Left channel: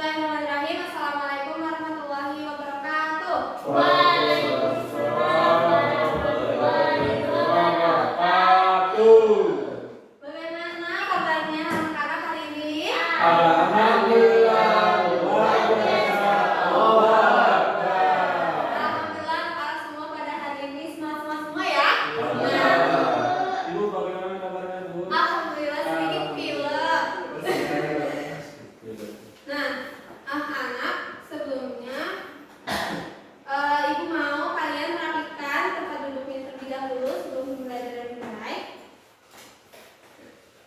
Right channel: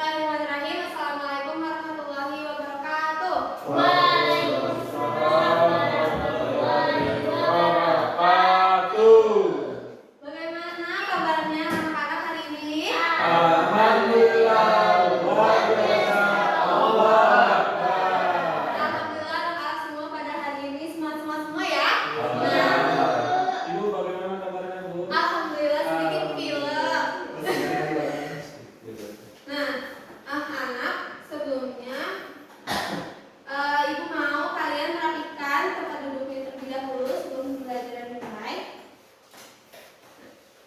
Bismillahirrahmanirrahim. Assalamualaikum warahmatullahi wabarakatuh. Waalaikumsalam warahmatullahi wabarakatuh. Bagaimana kabarnya anak-anak hari ini? Alhamdulillah, luar biasa. Alhamdulillah anak-anak semua pada hari ini semangat semua ya. Ibu bagaimana kabarnya, Bu? Alhamdulillah sedikit pilek. Nah, anak-anak sebelumnya Ibu mau kalian merapikan tempat duduknya terlebih dahulu sebelum belajar dan mulai.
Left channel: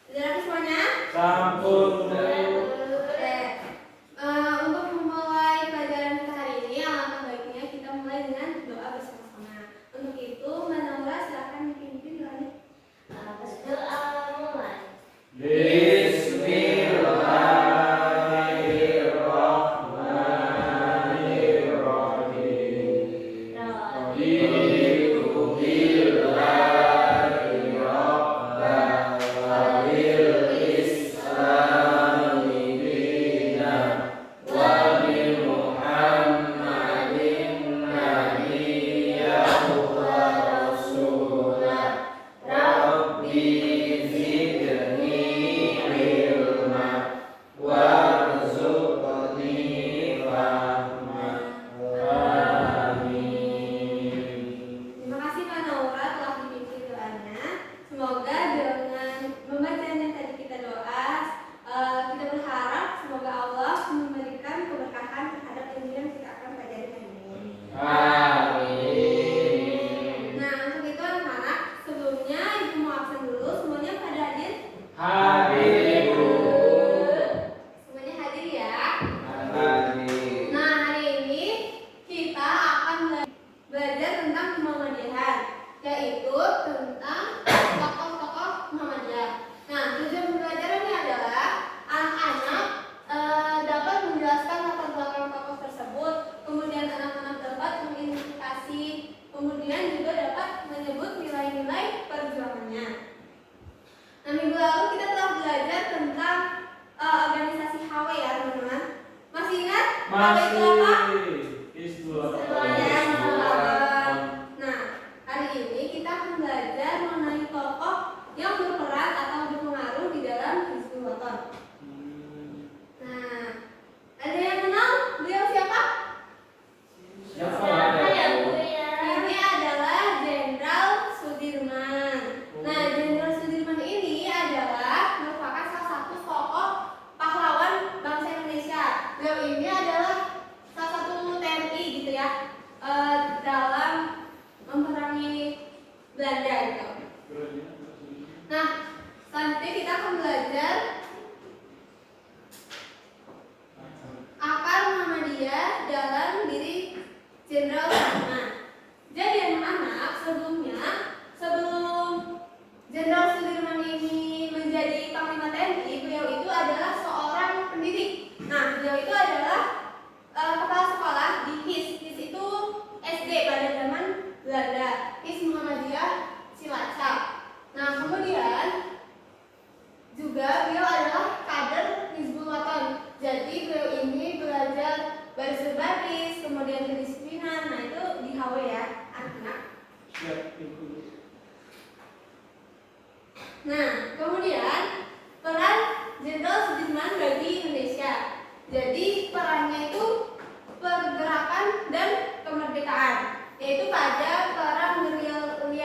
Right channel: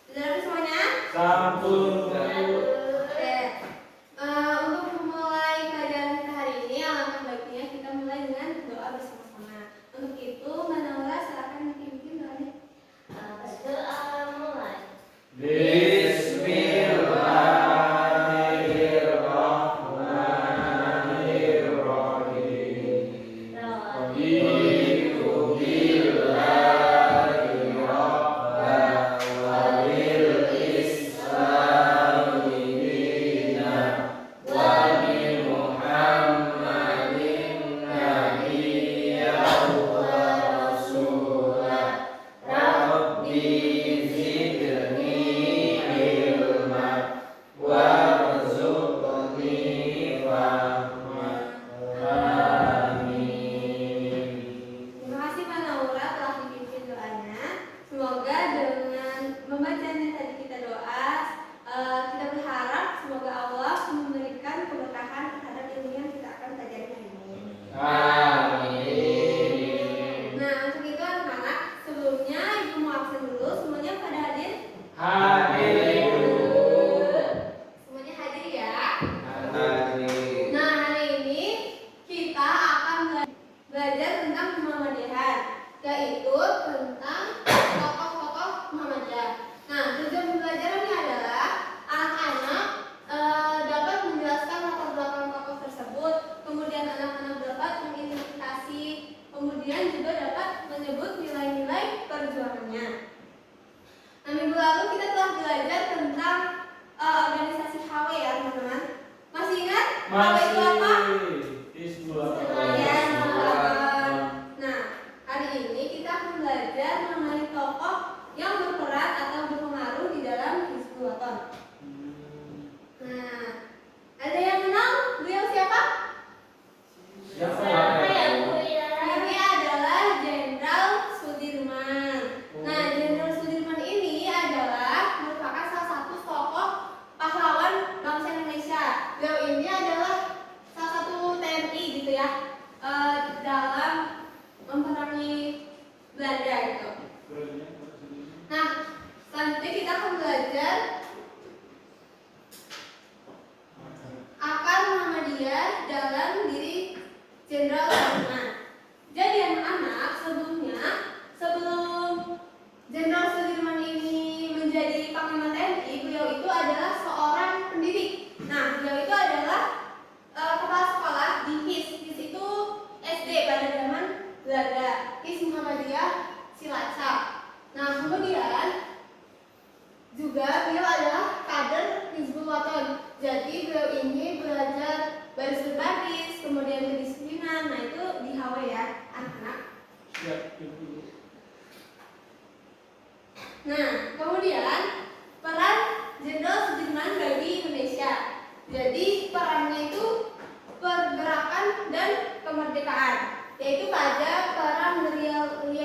Sudah rapi semuanya? Sampun. Oke. Untuk memulai pelajaran kita hari ini, alangkah baiknya kita mulai dengan doa bersama-sama. Untuk itu, Mbak Naura silakan dipimpin doanya. Berdoa mulai. Bismillahirrahmanirrahim. Raditu billahi rabban wa bil islami dinan wa bi Muhammadin nabiyyan wa rasulan. Rabbi zidni ilman warzuqni fahman. Amin. Terima kasih Mbak Naura telah dipimpin doanya. Semoga dengan membacanya tadi kita doa, kita berharap semoga Allah memberikan keberkahan terhadap ilmu yang kita akan pelajari hari ini. Amin. Nah, untuk itu anak-anak, sebelumnya Ibu mau absen dulu. Semuanya pada hadir? Hadir, Bu. Semuanya hadir ya. Hadir. Nah, hari ini kita akan belajar tentang Muhammadiyah, yaitu tentang tokoh-tokoh Muhammadiyah. Nah, tujuan pembelajaran ini adalah anak-anak dapat menjelaskan latar belakang tokoh tersebut, kemudian anak-anak dapat mengidentifikasi, kemudian juga dapat menyebut nilai-nilai perjuangannya. Nah, minggu lalu kita telah belajar tentang organisasi HW ya teman-teman. Masih ingat? HW itu apa? Ya, Hizbullah. Nah, hari ini kita akan belajar mengenai tokoh yang berperan atau berpengaruh di dalam Hizbullah. Nah, ada yang kenal beliau siapa? Siapa ya, Bu ya? Ini adalah Jenderal Sudirman. Nah, Jenderal Sudirman ini adalah merupakan salah satu tokoh pahlawan bangsa Indonesia. Beliau ini adalah salah satu TNI gitu ya, dalam memerangi Belanda gitu. Nah, selanjutnya kita akan belajar akar Muhammadiyah dalam diri Jenderal Sudirman. Jadi anak-anak, sebelum Jenderal Sudirman ini menjadi Panglima TNI, beliau itu adalah seorang pendidik. Nah, beliau itu adalah kepala sekolah di HIS. HIS itu SD pada zaman Belanda. HIS Muhammadiyah Cilacap. Nah, kemudian juga beliau adalah kader Hizbullah. Jadi beliau ini belajar baris berbaris, kemudian kedisiplinan. Nah, itu di HW ya, anak-anak. Siap, Ibu. Nah, kemudian peran Jenderal Sudirman bagi Indonesia. Jadi perannya itu pergerakan dan kemerdekaan, yaitu pada perang Gerilya II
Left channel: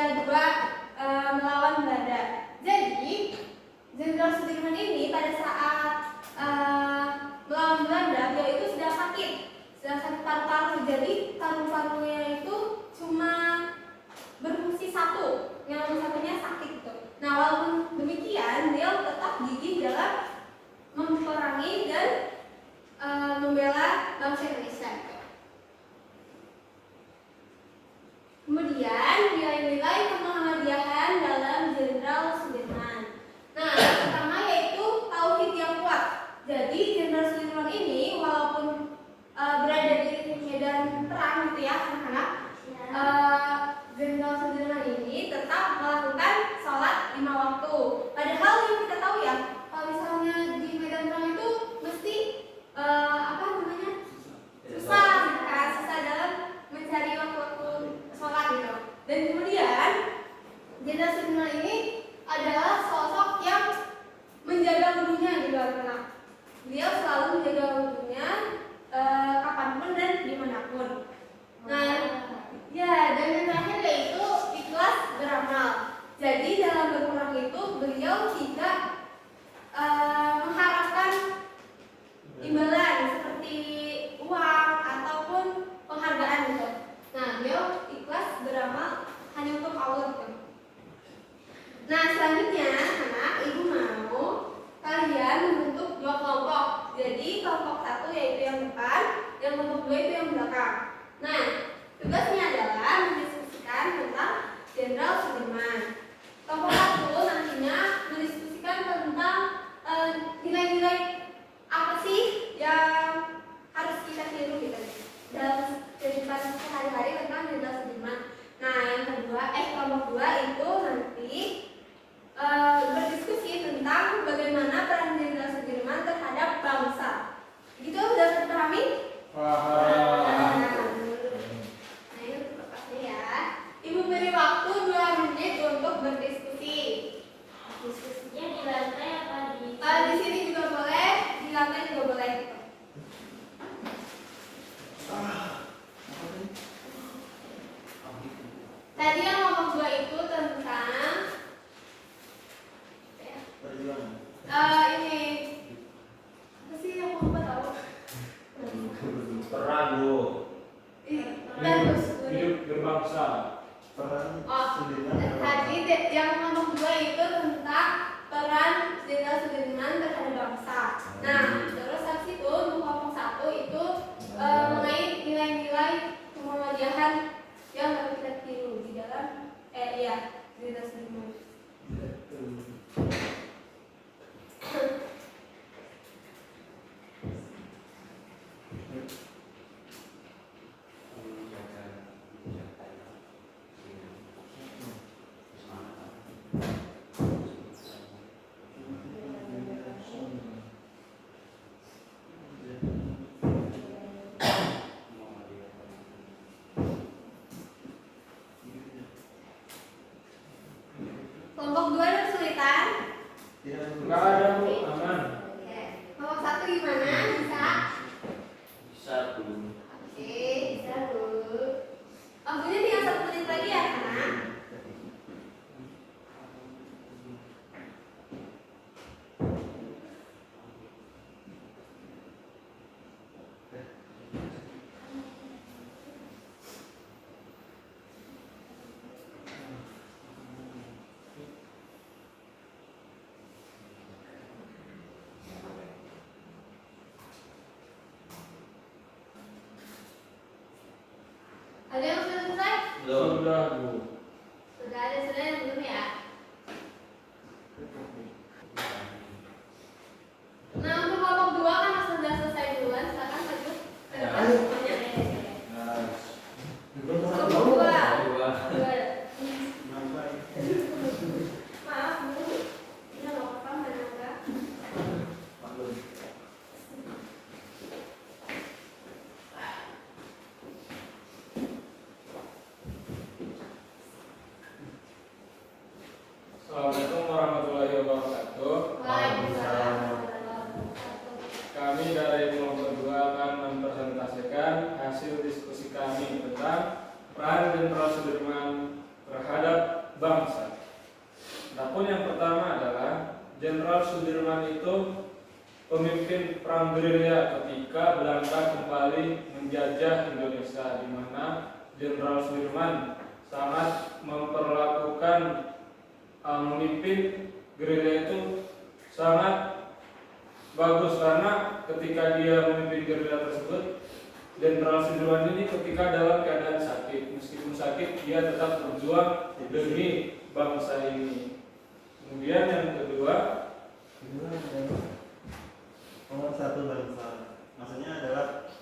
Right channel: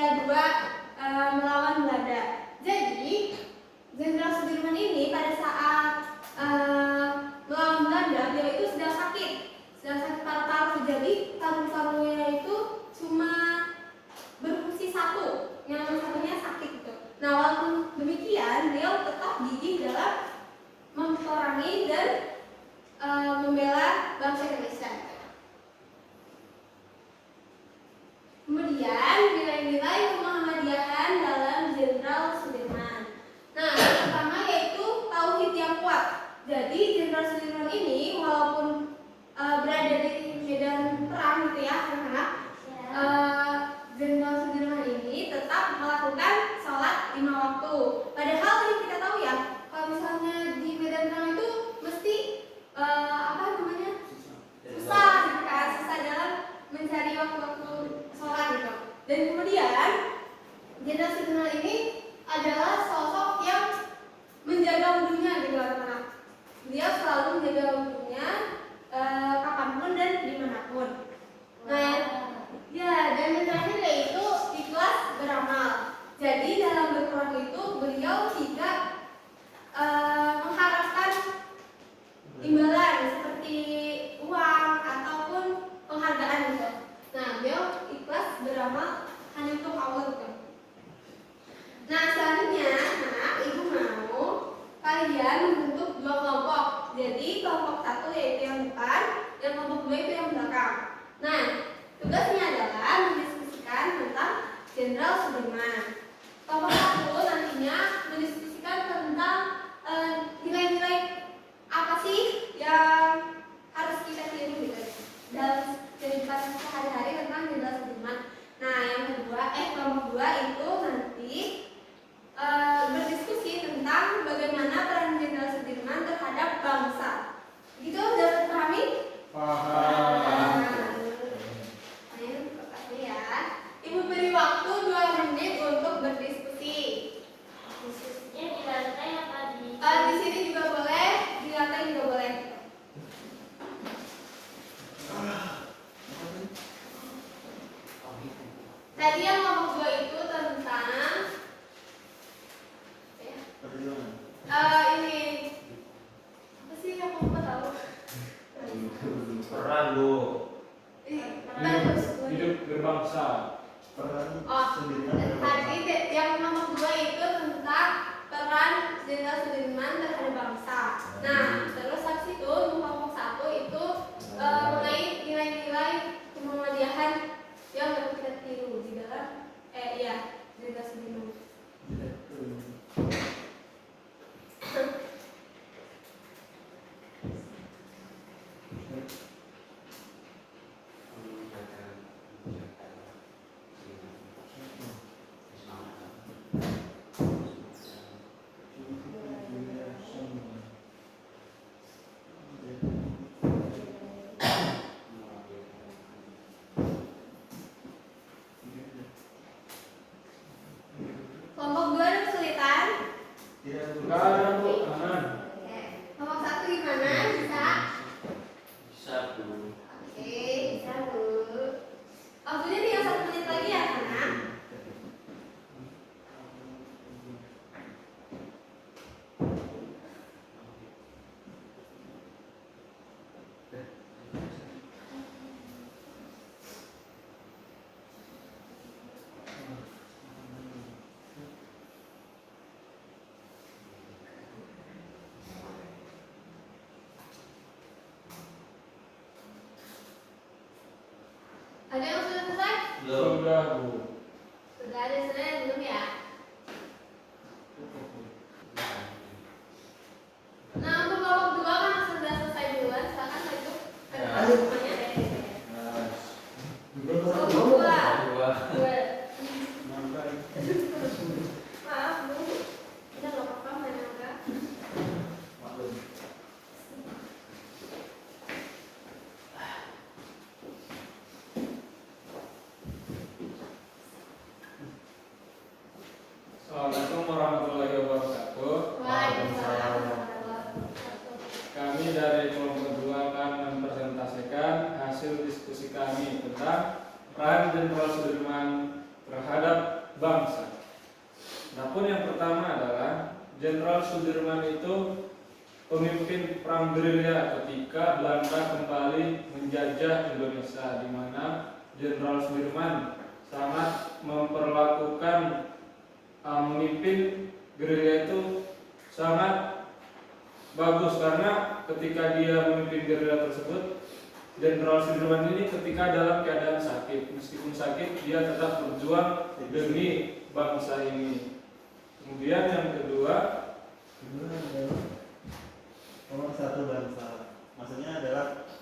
melawan Belanda. Jadi Jenderal Sudirman ini pada saat melawan Belanda, beliau itu sedang sakit paru-paru. Jadi paru-parunya itu cuma berfungsi satu, yang satunya sakit gitu. Nah, walaupun demikian, beliau tetap gigih dalam memerangi dan membela bangsa Indonesia. Kemudian nilai-nilai kemuhammadiyahan dalam Jenderal Sudirman. Nah, yang pertama yaitu tauhid yang kuat. Jadi Jenderal Sudirman ini walaupun berada di medan perang gitu ya anak-anak, Jenderal Sudirman ini tetap melakukan sholat 5 waktu. Padahal yang kita tahu ya, kalau misalnya di medan perang itu mesti apa menjaga wudhunya kapanpun dan dimanapun. Nah, ya, dan yang terakhir yaitu ikhlas beramal. Jadi dalam berperang itu beliau tidak mengharapkan imbalan seperti uang ataupun penghargaan gitu. Nah, beliau ikhlas beramal hanya untuk Allah gitu. Nah, selanjutnya anak ibu mau kalian membentuk dua kelompok. Jadi kelompok satu yaitu yang depan, yang kelompok dua itu yang belakang. Nah, tugasnya adalah mendiskusikan tentang Jenderal Sudirman. Kelompok satu nantinya mendiskusikan tentang nilai-nilai apa sih yang harus kita tiru gitu dalam kehidupan sehari-hari tentang Jenderal Sudirman. Nah, yang kedua, kelompok dua itu nanti berdiskusi tentang bagaimana peran Jenderal Sudirman terhadap bangsa. Gitu sudah terpahami? Paham. Ayo kertasnya ya. Ibu beri waktu 2 menit untuk berdiskusi. Diskusinya di lantai apa di? Di sini juga boleh, di lantai juga boleh. Tadi yang nomor 2 itu tentang ini apa sih yang mau tahu? Peran Bu. Hidup berbangsa. Tadi yang nomor 2 itu tentang peran Jenderal Sudirman terhadap bangsa. Nah, terus habis itu kelompok 1 itu mengait nilai-nilai kemuhamadiyahan yang harus kita tiru di dalam Jenderal Sudirman. Kelompok 2 ada kesulitan? Nggak ada Bu, aman. Oke. Kelompok 1 gimana? Bisa? Bisa Bu. Oke, bisa Bu. Waktunya tinggal 1 menit lagi ya, anak. Ada yang sudah selesai? Sudah Bu. Sudah ada yang belum ya? Nah, untuk kelompok 2 kan sudah selesai duluan, silakan maju ke depan semuanya. Kelompok 2. Maaf Bu, ini nggak apa-apa, mana enggak? Assalamualaikum warahmatullahi wabarakatuh. Waalaikumsalam warahmatullahi wabarakatuh. Kami dari kelompok 2 akan mempresentasikan hasil diskusi kami tentang peran Jenderal Sudirman terhadap bangsa. Adapun yang pertama adalah Jenderal Sudirman itu pemimpin perang gerilya ketika Belanda kembali menjajah Indonesia, di mana Jenderal Sudirman sangat memperlakukan memimpin gerilya itu sangat bagus, karena ketika dia memimpin gerilya tersebut, Jenderal Sudirman ini ketika dalam keadaan sakit, meskipun sakit dia tetap berjuang demi bangsa ini. Kemudian yang kedua, Nomor 1 bangsa. Maksudnya adalah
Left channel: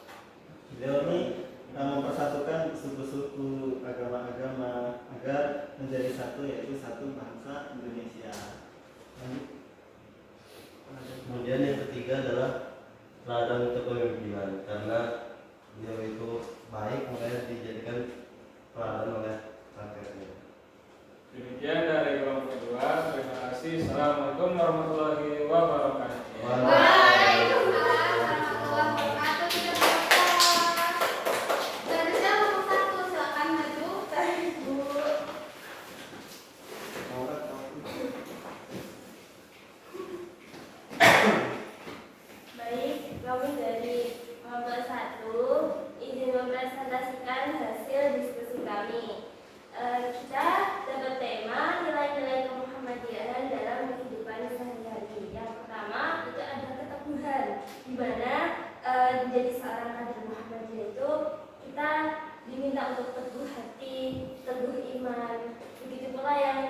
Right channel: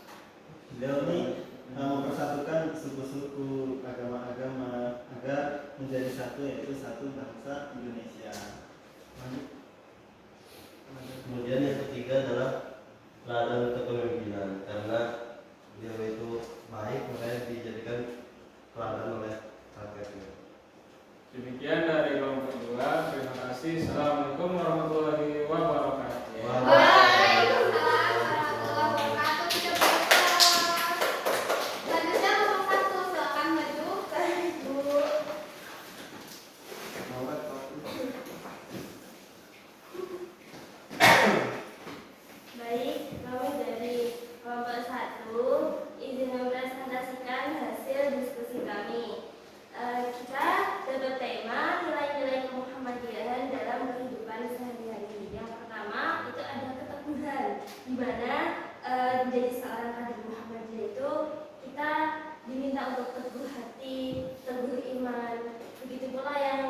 beliau ini mempersatukan suku-suku, agama-agama agar menjadi satu, yaitu satu bangsa Indonesia. Kemudian yang ketiga adalah teladan kepemimpinan, karena beliau itu baik, makanya dijadikan teladan oleh rakyatnya. demikian dari kelompok 2. Terima kasih. Assalamualaikum warahmatullahi wabarakatuh. Waalaikumsalam. Kami dari kelompok 1 izin mempresentasikan hasil diskusi kami. Kita dapat tema nilai-nilai kemuhammadiyahan dalam kehidupan sehari-hari. Yang pertama itu ada keteguhan, di mana menjadi seorang kader Muhammadiyah itu kita diminta untuk teguh hati, teguh iman. Begitu pula yang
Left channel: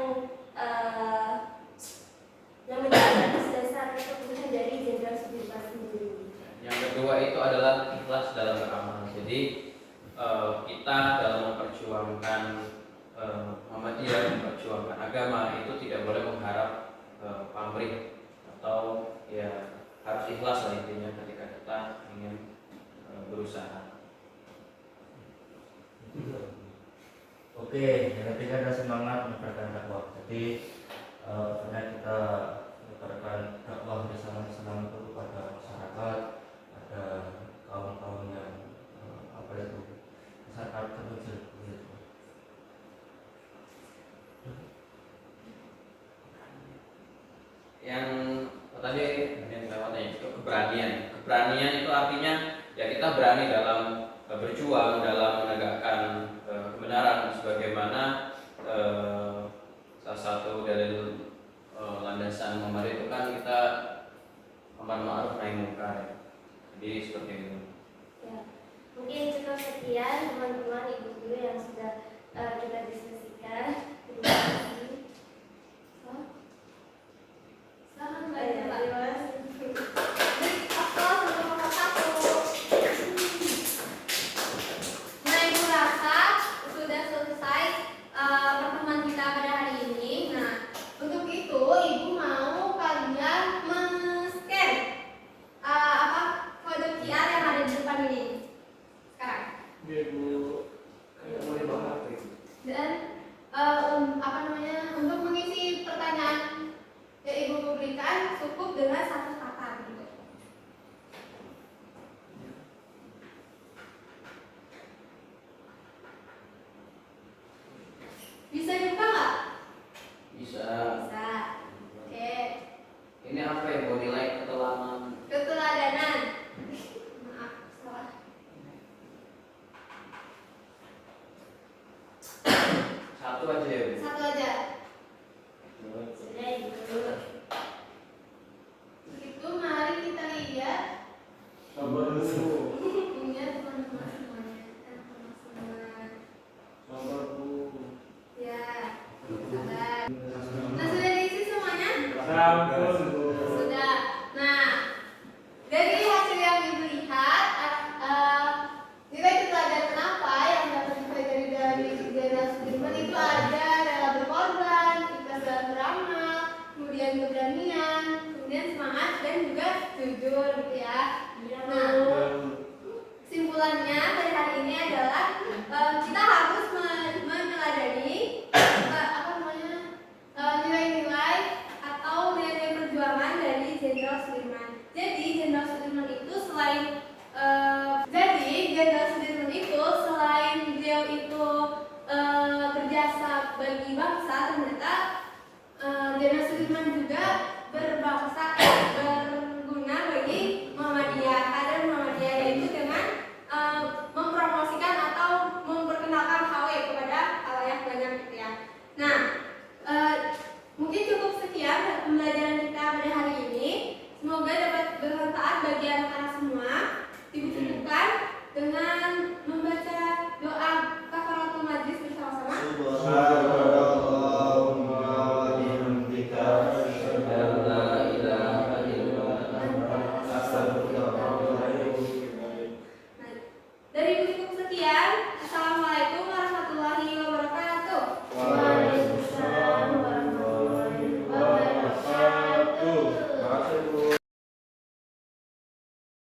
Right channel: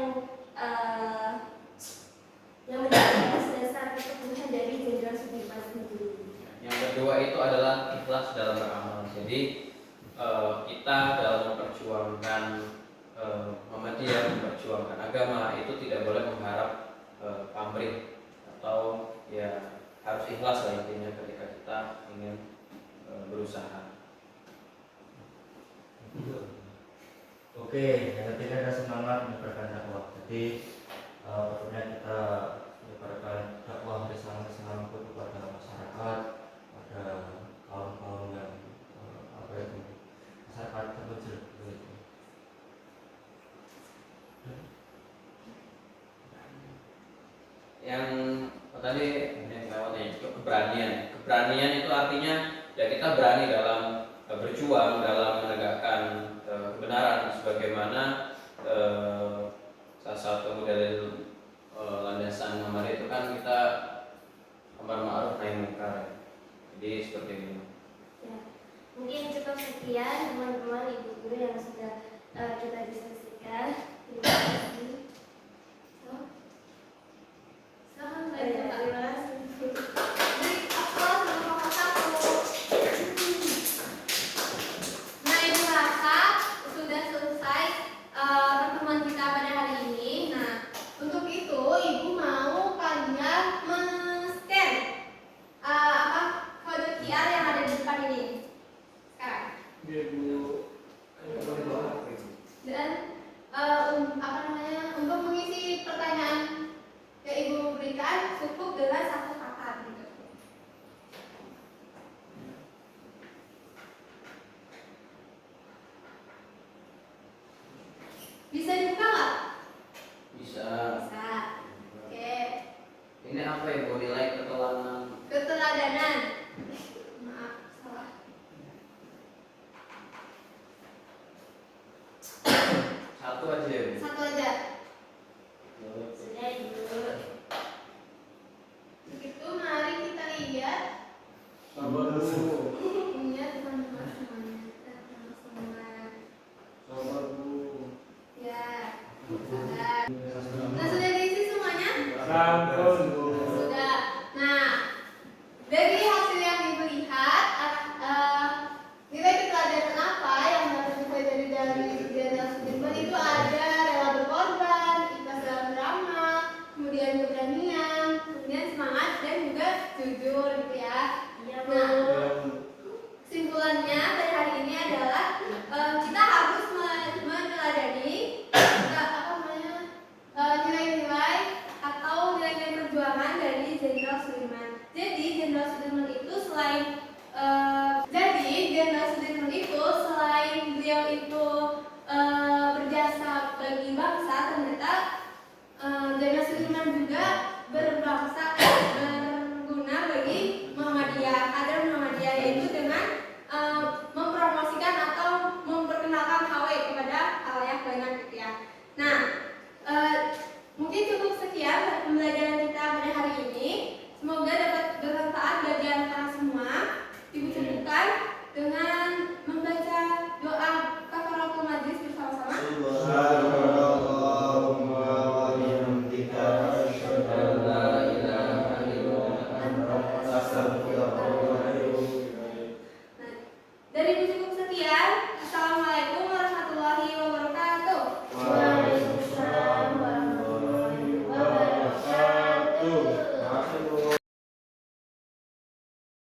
menjadi atas dasar keteguhan dari Jenderal Sudirman sendiri. Yang kedua itu adalah ikhlas dalam beramal. Jadi kita dalam memperjuangkan Muhammadiyah, memperjuangkan agama itu tidak boleh mengharap pamrih atau ya harus ikhlas lah intinya ketika kita ingin berusaha. Oke, yang ketiga ada semangat menyebarkan dakwah. Jadi tentunya kita menyebarkan dakwah bersama-sama kepada masyarakat, ada kaum-kaum yang masyarakat terpencil. Yang tadi yang lewatnya itu keberanian. Keberanian itu artinya ya kita berani dalam berjuang dalam menegakkan kebenaran sebagaimana salah satu dalil landasan Muhammad itu kan kita amar ma'ruf nahi munkar. Jadi seperti itu. Ya, mungkin cukup sekian teman-teman ibu guru yang sudah kita diskusikan. Terima kasih. Terima kasih. Nah, Ibu rasa sudah selesai pertemuan kita pada hari ini. Nah, untuk itu Ibu mau kalian men-scan kode QR yang ada di depan ini sekarang. Iya Bu. Boleh bawa HP. Dan untuk mengisi pertanyaan yang Ibu berikan cukup dengan satu kata gitu. Bisa dibuka nggak? Bisa. Bisa. Oke. Ini apa yang mau nilai keteladanan? Keteladanan. Maaf, salah. Satu aja ya Bu. Satu aja. Sudah ibu. Begitu, mari kita lihat. Sabar Bu. Ingat teman-teman semuanya. Teman-teman semua. Sabar Bu. Ya. Sabar. Nah, sudah diisi semuanya? Sampun Bu. Sudah. Nah, dari hasil yang Ibu lihat, nilai keteladanan apa yang dapat dipelajari dari Jenderal Sudirman itu ada rela berkorban, ikhlas dalam beramal, kemudian keberanian, kemudian semangat dan juga jujur gitu ya. Nah, kesimpulannya dari hari ini adalah kita harus meneladani nilai-nilai atau nilai-nilai perjuangan dari Jenderal Sudirman. Jadi Jenderal Sudirman itu selain beliau itu berjasa bagi bangsa, ternyata Jenderal Sudirman juga berbangsa